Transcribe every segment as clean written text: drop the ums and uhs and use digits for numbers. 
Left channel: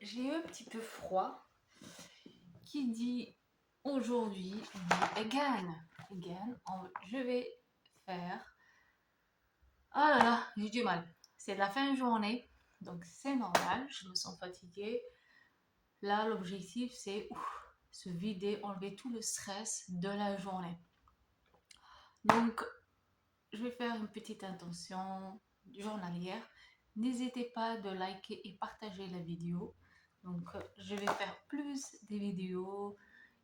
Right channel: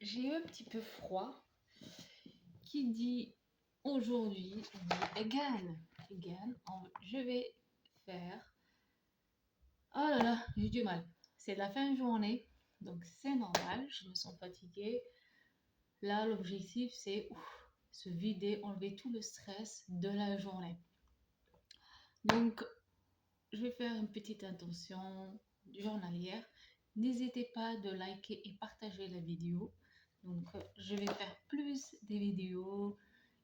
j'ai eu un petit peu froid. Qui dit aujourd'hui dit again. Je vais faire. Ah là là, j'ai du mal. C'est la fin de journée, donc c'est normal. Je me sens fatiguée. Là, l'objectif c'est se vider, enlever tout le stress de la journée. Donc, je vais faire une petite intention journalière. N'hésitez pas de liker et partager la vidéo. Donc, je vais faire plus des vidéos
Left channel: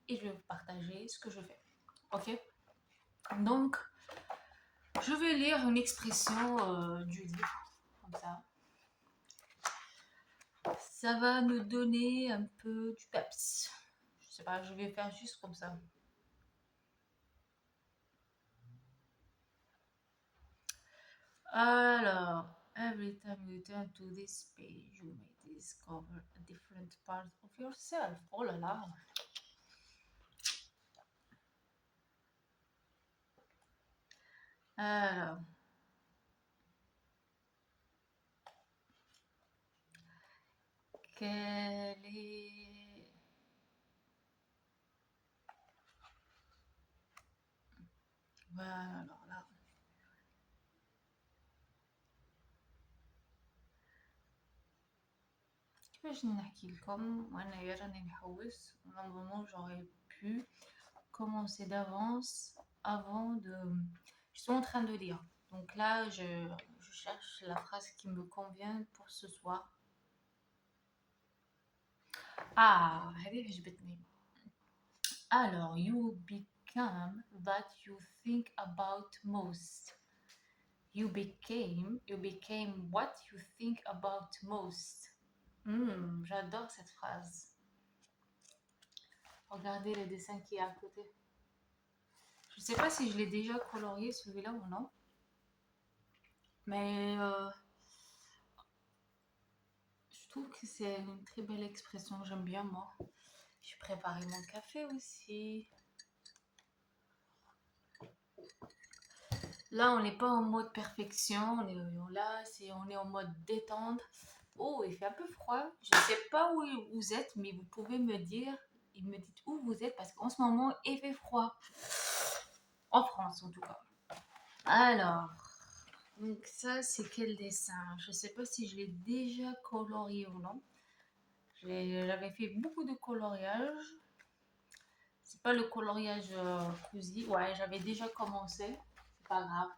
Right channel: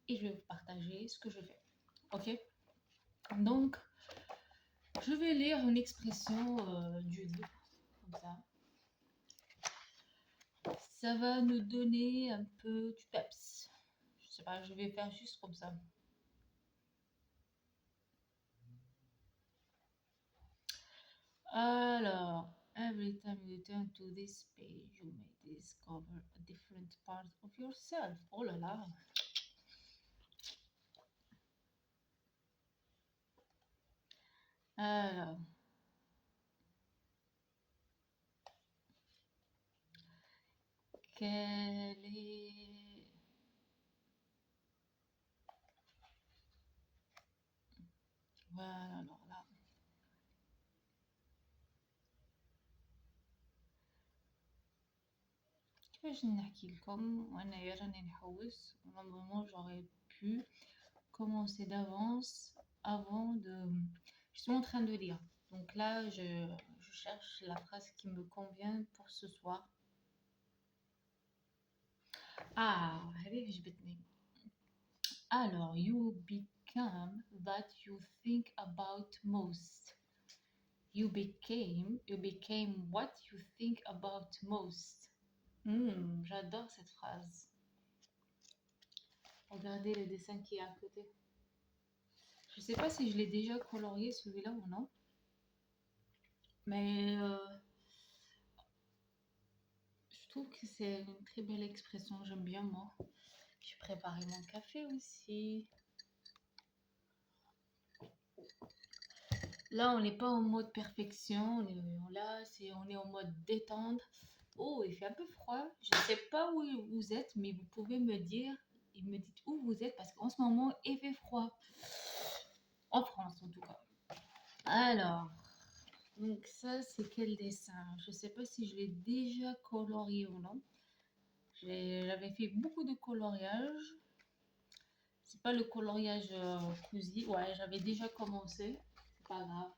et je vais vous partager ce que je fais. Ok? Donc, je vais lire une expression du livre, comme ça. Ça va nous donner un peu du peps. Je sais pas, je vais faire juste comme ça. Alors, every time you turn to this page, you may discover a different part of yourself. Oh là là. Alors, quelle est... Voilà, alors là. كيفاش نحكي لكم وانا راني نحوس normalement j'aurais pu commencer d'avance avant de... Je suis en train de lire. Donc là, je cherche la phrase qui me convient pour ce soir. Ah, هذه عجبتني. Alors, you become that you think about most. You became what you think about most. J'adore cette phrase. Regardez le dessin qui est à côté. Je ne sais pas si je l'ai déjà colorié celui-là ou non. Mais je trouve que c'est une très belle expression. J'aime bien moi. J'ai préparé mon café aussi. Là, on n'est pas en mode perfection. On est en mode détente. Oh, il fait un peu froid. Je ne sais pas où vous êtes, mais vous pouvez me dire et me dites où vous êtes parce qu'en ce moment, il fait froid. En France, en tout cas. Alors, donc ça, c'est quel dessin? Je ne sais pas si je l'ai déjà colorié ou non. J'avais fait beaucoup de coloriage. C'est pas le coloriage fusil. Ouais, j'avais déjà commencé. C'est pas grave.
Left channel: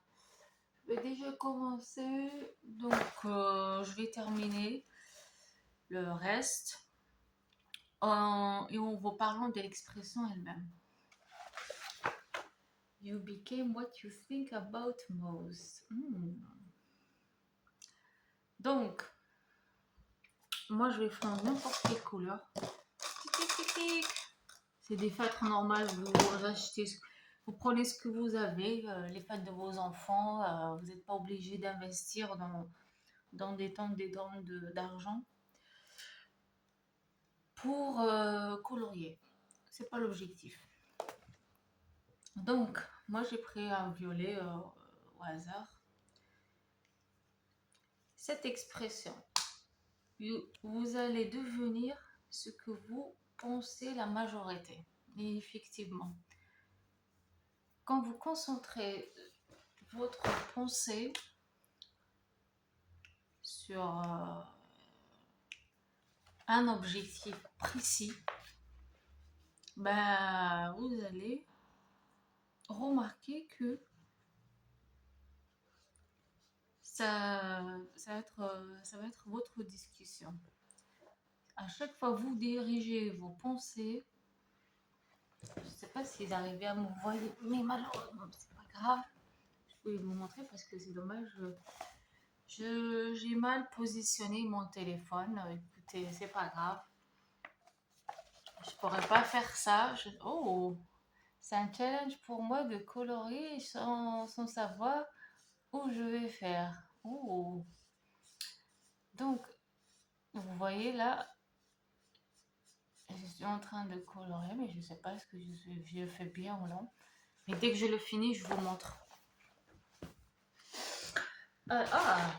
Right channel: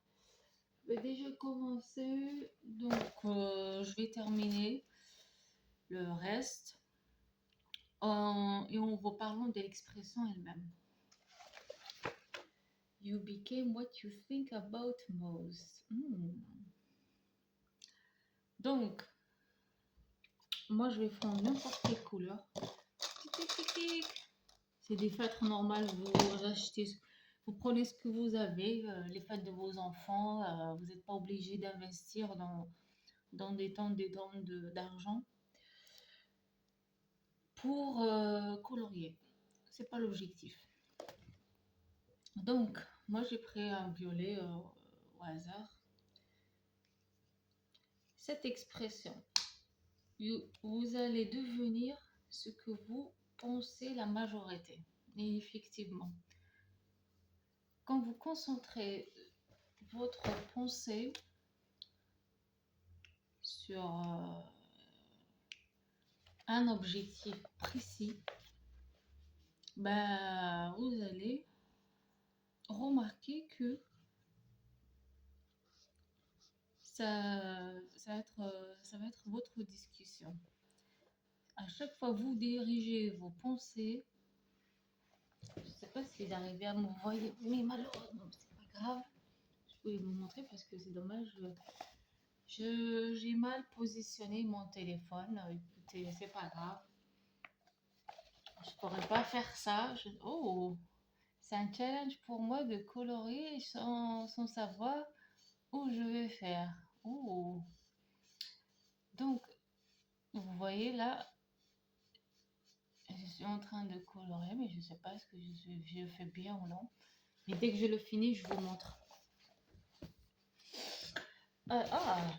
J'ai déjà commencé. Donc, je vais terminer le reste et en vous parlant de l'expression elle-même. You became what you think about most. Donc, moi, je vais faire n'importe quelle couleur. C'est des feutres normales, vous achetez, vous prenez ce que vous avez, les feutres de vos enfants, vous n'êtes pas obligé d'investir dans des tonnes d'argent pour colorier. C'est pas l'objectif. Donc, moi j'ai pris un violet au hasard. Cette expression, vous allez devenir ce que vous pensez la majorité. Et effectivement, quand vous concentrez votre pensée sur un objectif précis, bah, vous allez remarquer que ça va être votre discussion. À chaque fois vous dirigez vos pensées, je ne sais pas s'ils arrivaient à me voir, mais malheureusement, c'est pas grave. Je voulais vous montrer parce que c'est dommage. J'ai mal positionné mon téléphone. Écoutez, c'est pas grave. Je pourrais pas faire ça. Oh, c'est un challenge pour moi de colorier sans savoir où je vais faire. Oh. Donc, vous voyez là, je suis en train de colorier, mais je ne sais pas ce que je fais bien ou non. Mais dès que je le finis, je vous montre.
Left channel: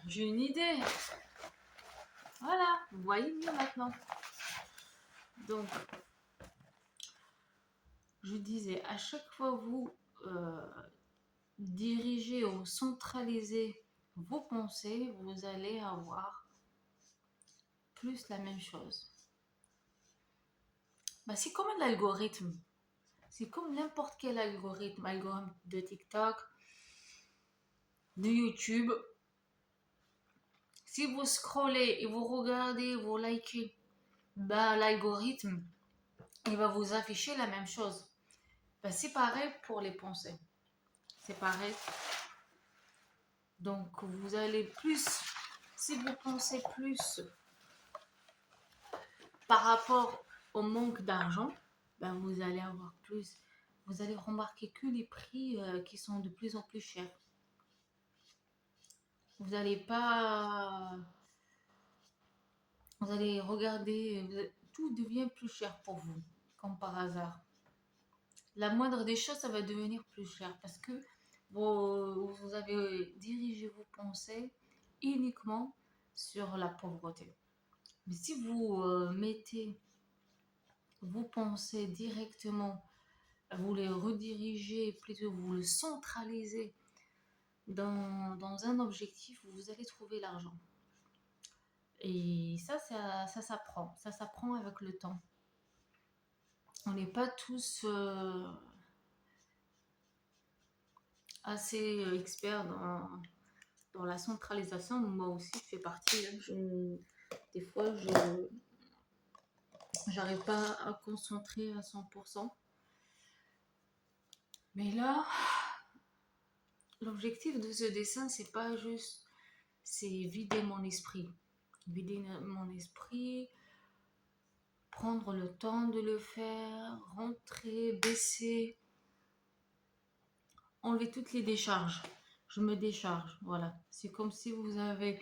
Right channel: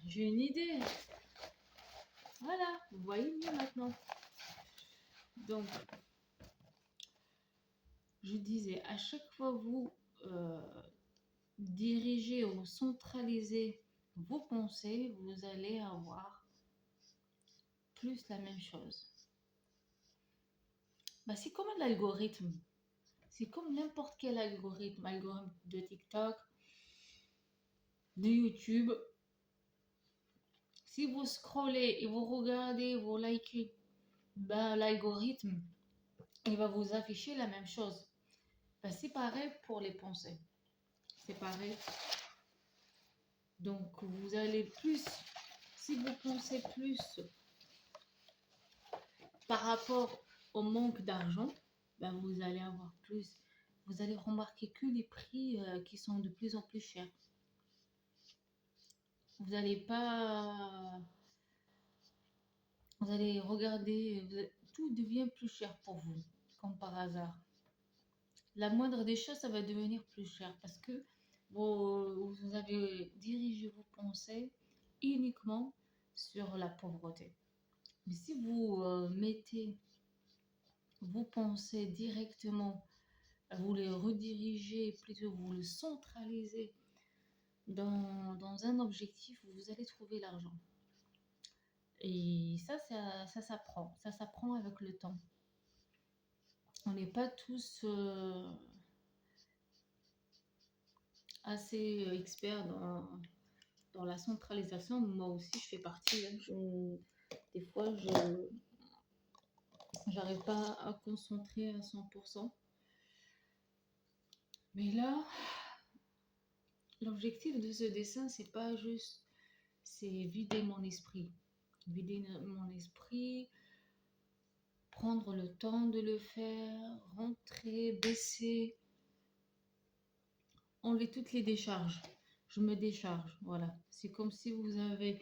J'ai une idée. Voilà, Vous voyez mieux maintenant. Donc, je disais, à chaque fois vous dirigez ou centralisez vos pensées, vous allez avoir plus la même chose. Bah, c'est comme un algorithme. C'est comme n'importe quel algorithme, algorithme de TikTok, de YouTube. Si vous scrollez et vous regardez, vous likez, bah, l'algorithme, il va vous afficher la même chose. Bah, c'est pareil pour les pensées. C'est pareil. Donc, vous allez plus, si vous pensez plus par rapport au manque d'argent, ben vous allez avoir plus. Vous allez remarquer que les prix qui sont de plus en plus chers. Vous n'allez pas. Vous allez regarder, tout devient plus cher pour vous, comme par hasard. La moindre des choses, ça va devenir plus cher parce que vous avez dirigé vos pensées uniquement sur la pauvreté. Mais si vous mettez vos pensées directement, vous les redirigez, plutôt vous le centralisez dans un objectif, vous allez trouver l'argent. Et ça s'apprend. Ça s'apprend avec le temps. On n'est pas tous assez experts dans la centralisation. Moi aussi, je fais partie. Des fois, je n'arrive pas à concentrer à 100%. Mais là, l'objectif de ce dessin, c'est pas juste, c'est vider mon esprit. Vider mon esprit, prendre le temps de le faire, rentrer, baisser, enlever toutes les décharges. Je me décharge, voilà. C'est comme si vous avez,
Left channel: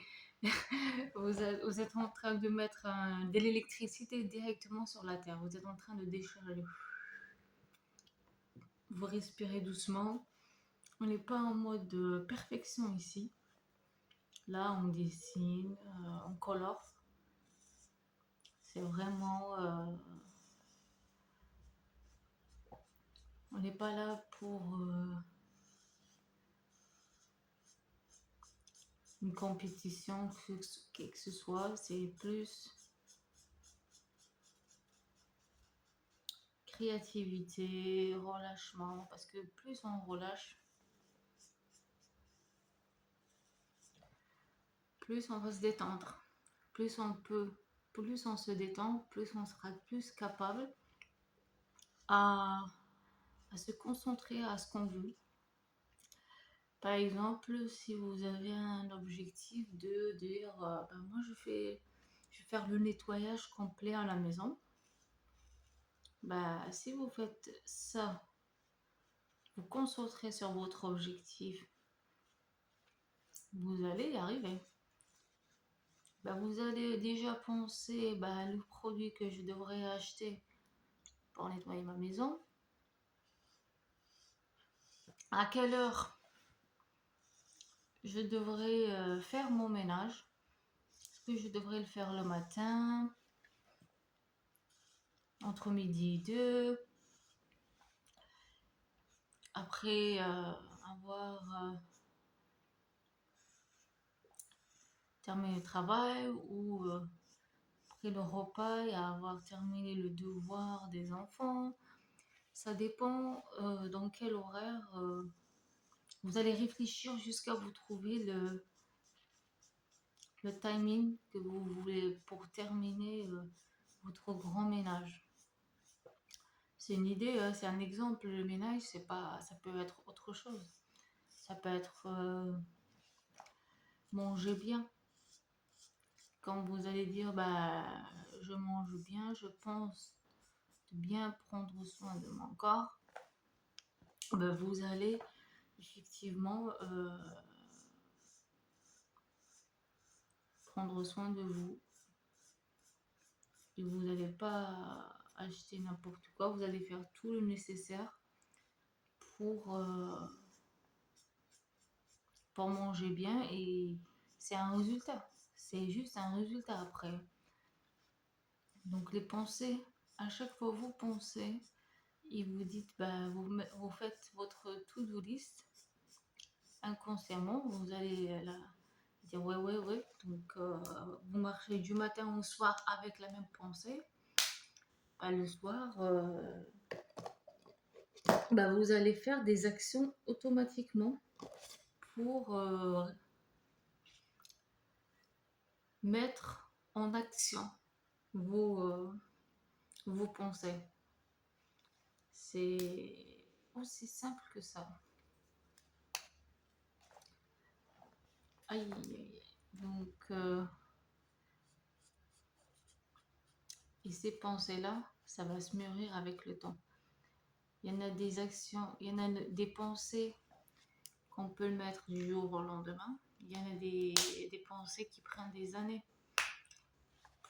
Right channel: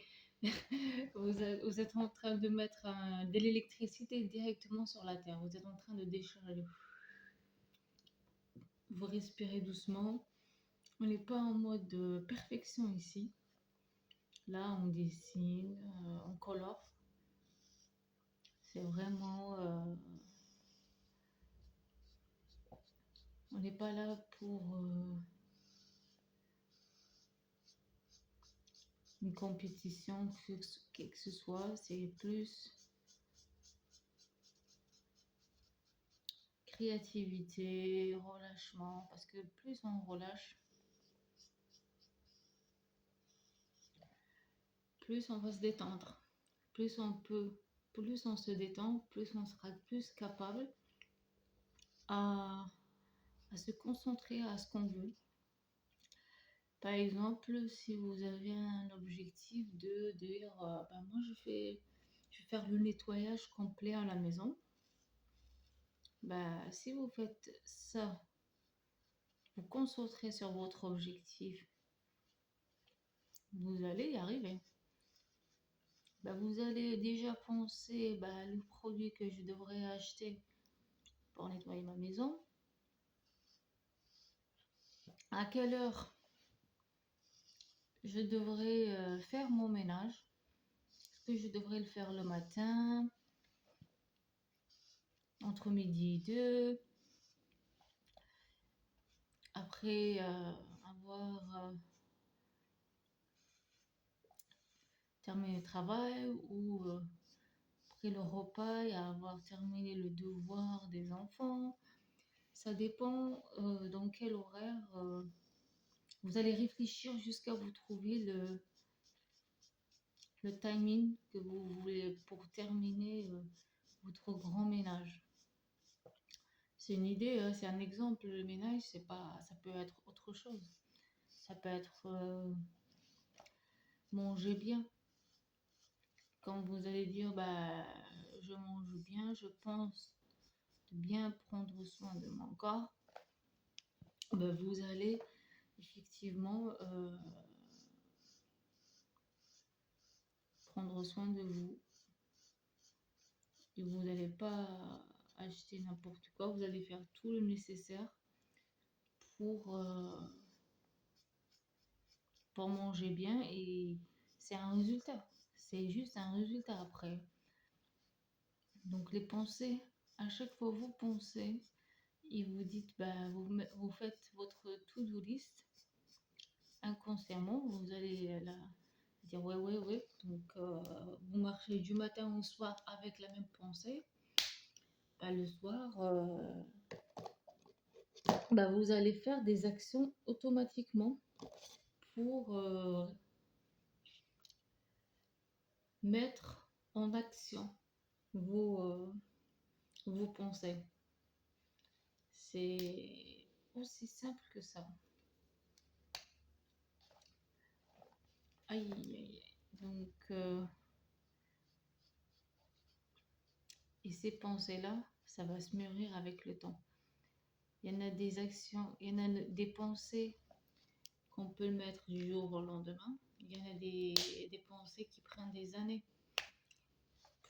vous êtes en train de mettre de l'électricité directement sur la terre. Vous êtes en train de décharger. Vous respirez doucement. On n'est pas en mode perfection ici. Là, on dessine, on colore. C'est vraiment... on n'est pas là pour une compétition, que ce soit. C'est plus créativité, relâchement. Parce que plus on relâche, plus on va se détendre. Plus on se détend, plus on sera plus capable à se concentrer à ce qu'on veut. Par exemple, si vous avez un objectif de dire, ben moi je vais faire le nettoyage complet à la maison, bah, si vous faites ça, vous concentrez sur votre objectif, vous allez y arriver. Bah, vous allez déjà penser le produit que je devrais acheter pour nettoyer ma maison, à quelle heure je devrais faire mon ménage, est-ce que je devrais le faire le matin, entre midi et 2, après avoir terminé le travail ou après le repas et avoir terminé le devoir des enfants. Ça dépend dans quel horaire vous allez réfléchir jusqu'à vous trouver le timing que vous voulez pour terminer votre grand ménage. C'est une idée, c'est un exemple. Le ménage, c'est pas, ça peut être autre chose. Ça peut être manger bien. Quand vous allez dire, je mange bien, je pense de bien prendre soin de mon corps, vous allez effectivement prendre soin de vous. Et vous n'allez pas acheter n'importe quoi, vous allez faire tout le nécessaire pour, pour manger bien et c'est un résultat. C'est juste un résultat après. Donc les pensées, à chaque fois vous pensez et vous dites, vous faites votre to-do list inconsciemment, vous allez dire ouais, ouais, ouais. Donc vous marchez du matin au soir avec la même pensée. Le soir, vous allez faire des actions automatiquement pour mettre en action vos pensées. C'est aussi simple que ça. Aïe, aïe, aïe. Donc, et ces pensées-là, ça va se mûrir avec le temps. Il y en a des actions, il y en a des pensées qu'on peut mettre du jour au lendemain. Il y en a des pensées qui prennent des années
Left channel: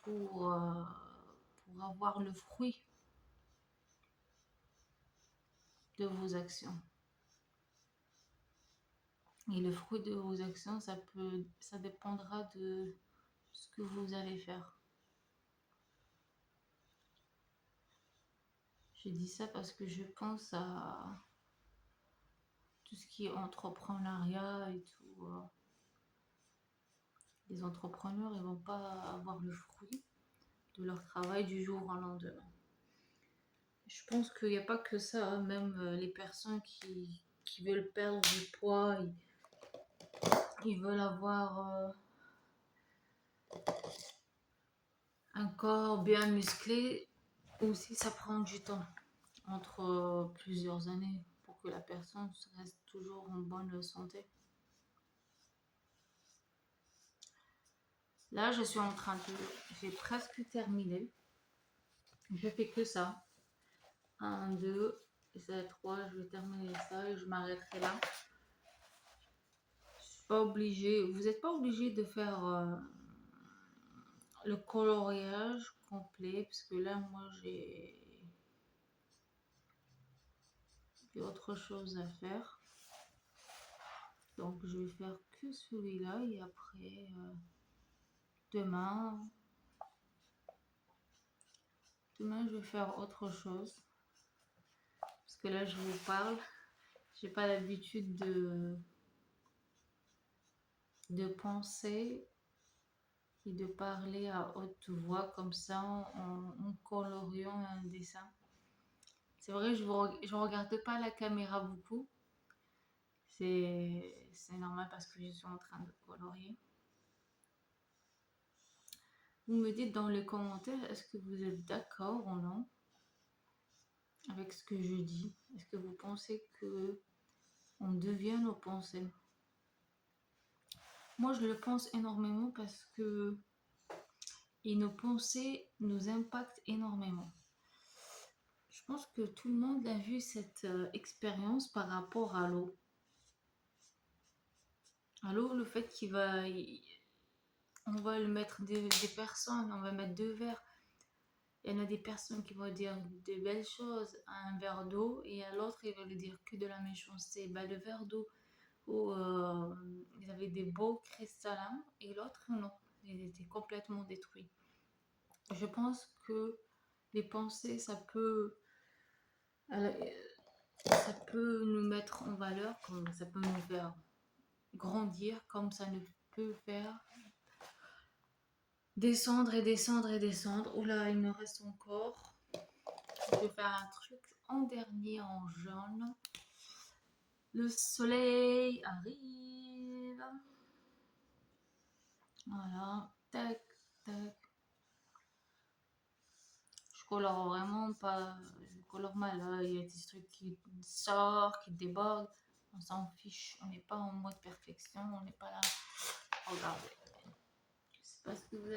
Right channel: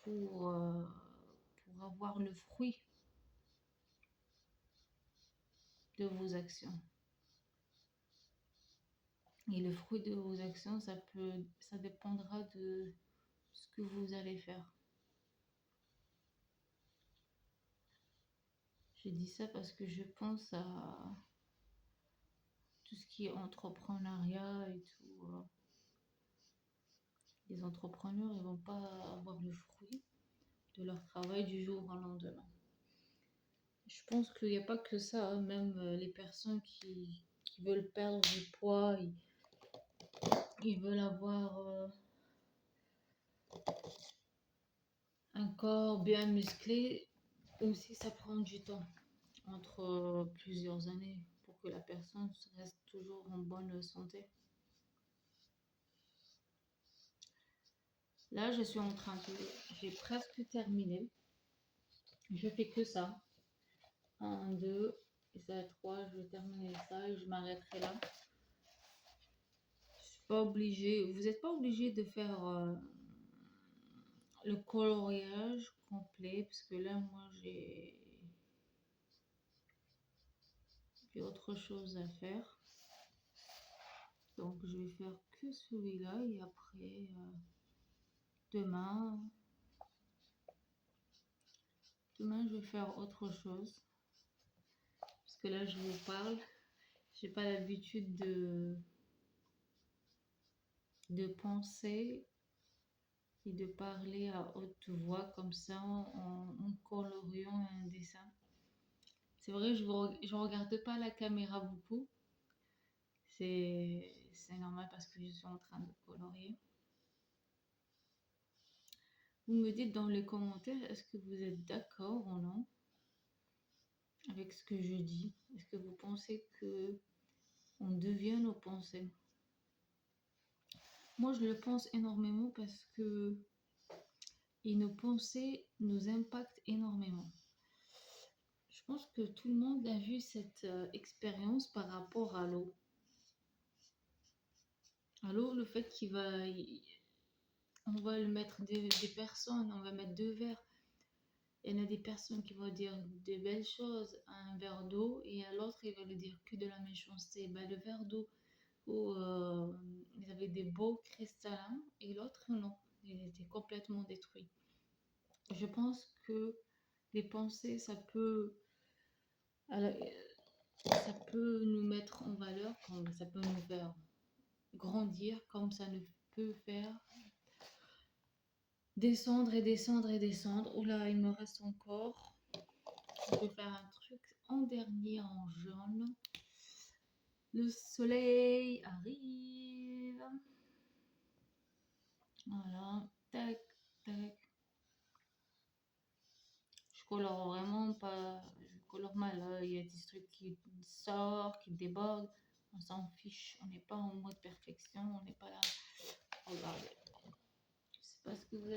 pour avoir le fruit de vos actions. Et le fruit de vos actions, ça dépendra de ce que vous allez faire. Je dis ça parce que je pense à tout ce qui est entrepreneuriat et tout. Les entrepreneurs, ils vont pas avoir le fruit de leur travail du jour au lendemain. Je pense qu'il n'y a pas que ça, hein. Même les personnes qui veulent perdre du poids, ils veulent avoir un corps bien musclé, aussi ça prend du temps, entre plusieurs années, pour que la personne reste toujours en bonne santé. Là, je suis en train de... J'ai presque terminé. Je fais que ça. 1, 2, et ça 3, je vais terminer ça et je m'arrêterai là. Je suis pas obligée, vous n'êtes pas obligé de faire le coloriage complet, parce que là, moi, j'ai autre chose à faire. Donc, je vais faire que celui-là et après, demain, je vais faire autre chose. Parce que là, je vous parle, j'ai pas l'habitude de penser et de parler à haute voix comme ça en coloriant un dessin. C'est vrai, je ne regarde pas la caméra beaucoup. C'est normal parce que je suis en train de colorier. Vous me dites dans les commentaires, est-ce que vous êtes d'accord ou non avec ce que je dis? Est-ce que vous pensez que on devient nos pensées? Moi, je le pense énormément parce que nos pensées nous impactent énormément. Je pense que tout le monde a vu cette expérience par rapport à l'eau. À l'eau, le fait on va le mettre des personnes, on va mettre 2 verres. Il y en a des personnes qui vont dire de belles choses à un verre d'eau et à l'autre, ils vont lui dire que de la méchanceté. Le verre d'eau où ils avaient des beaux cristallins et l'autre, non. Il était complètement détruit. Je pense que les pensées, ça peut nous mettre en valeur, comme ça peut nous faire grandir, comme ça ne peut faire descendre et descendre et descendre. Oula, il me reste encore. Je vais faire un truc en dernier en jaune. Le soleil arrive. Voilà. Tac, tac. Je colore vraiment pas. Je colore mal. Il y a des trucs qui sortent, qui débordent. On s'en fiche. On n'est pas en mode perfection. On n'est pas là. Regardez. Je sais pas ce que vous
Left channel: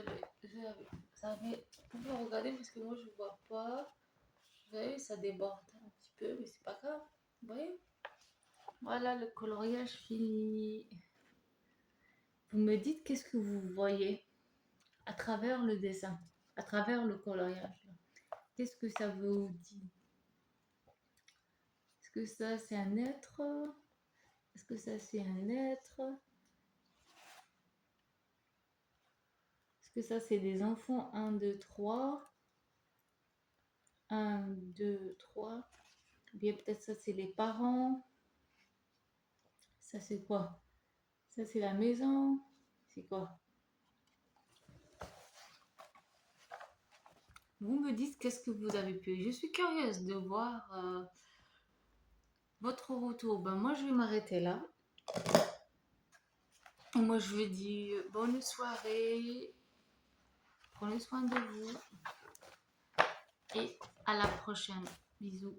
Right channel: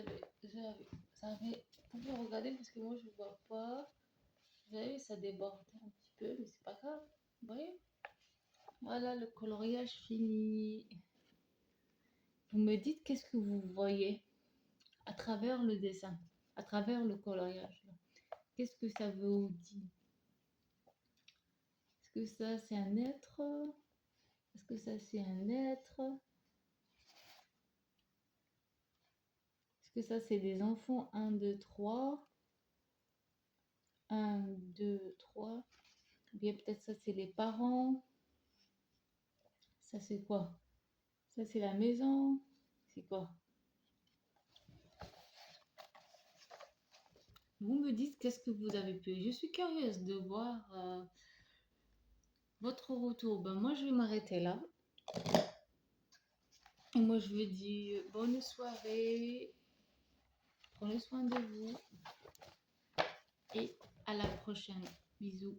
avez. Vous pouvez regarder parce que moi je vois pas. Vous voyez, ça déborde un petit peu, mais c'est pas grave. Vous voyez? Voilà le coloriage fini. Vous me dites qu'est-ce que vous voyez à travers le dessin, à travers le coloriage. Qu'est-ce que ça vous dit? Est-ce que ça c'est un être? Est-ce que ça c'est un être? Est-ce que ça c'est des enfants? 1, 2, 3. 1, 2, 3. Ou bien peut-être ça, c'est les parents. Ça, c'est quoi? Ça, c'est la maison. C'est quoi? Vous me dites qu'est-ce que vous avez pu. Je suis curieuse de voir votre retour. Ben, moi, je vais m'arrêter là. Moi, je vous dis bonne soirée. Prenez soin de vous. Et à la prochaine. Bisous.